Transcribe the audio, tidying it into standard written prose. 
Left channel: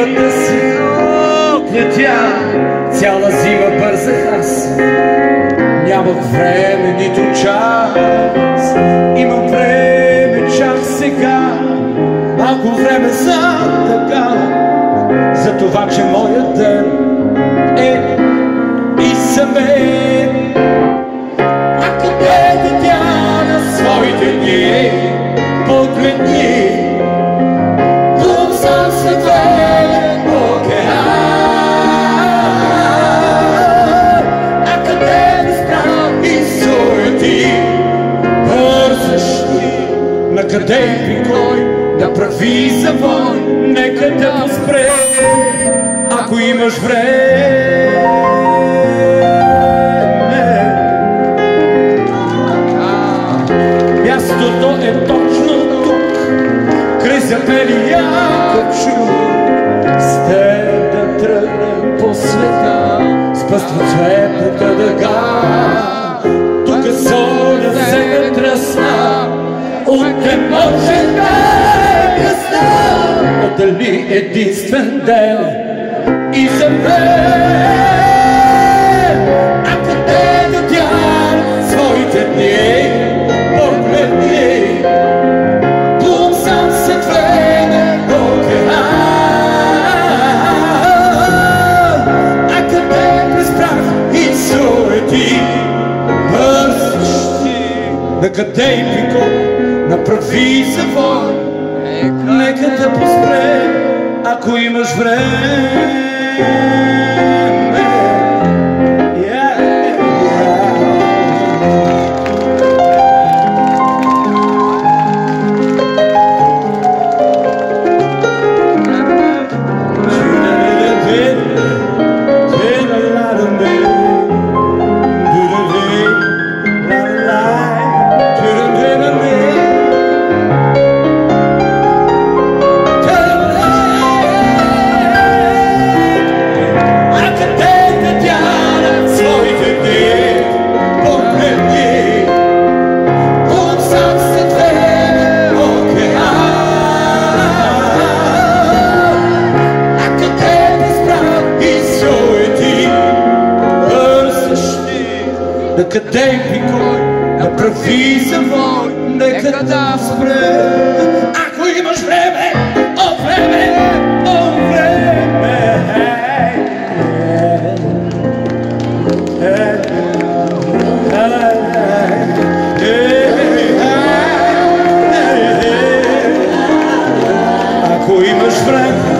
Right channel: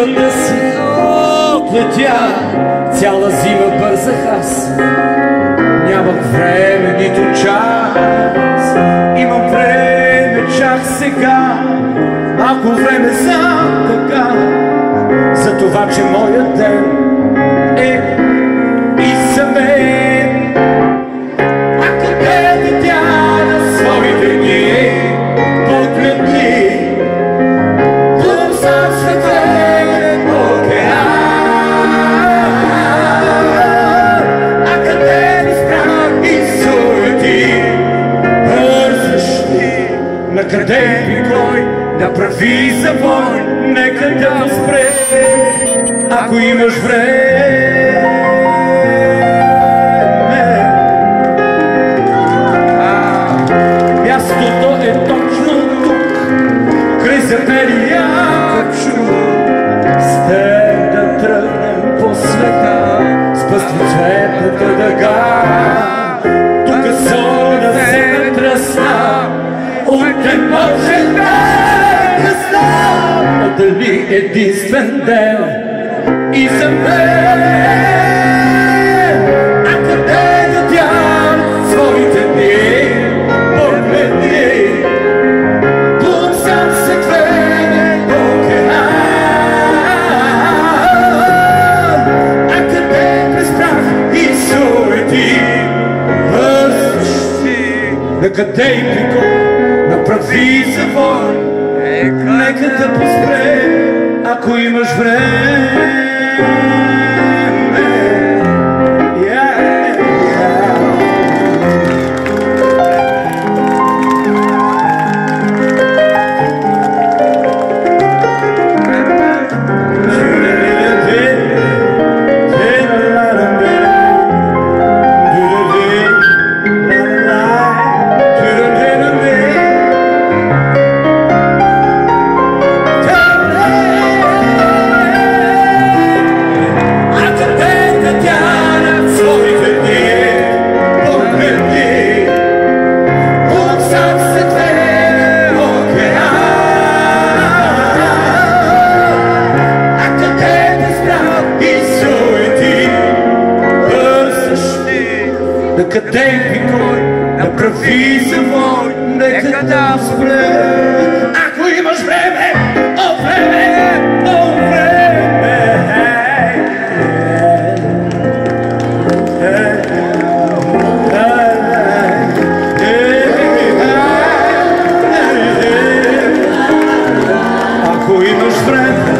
зимата си отлетя, цяла зима бързах аз. Нямах време, нито час. Имам време чак сега, малко време за така, за това, че моят ден е и за мен. А къде да тя на своите дни погледни, там сам сътворен океан. А къде ми страх и суети, бързаш ти, накъде и кой направи завой, нека да спре, ако имаш време. Мястото е точно тук, край запелия качу, с теб да тръгнем по света, с пъстицветната дъга. Тук зона се тръсна, утре може да не знам, отдели единствен ден и за мен. А къде да тям своите дни погледни, там сам сътворен океан. А къде през прах и суети бързаш ти, накъде и при кой направи завой, нека да поспре, ако имаш време. Къде и кой направи завой, нека да спре, ако имаш време, о време, о време. Ако имаш време,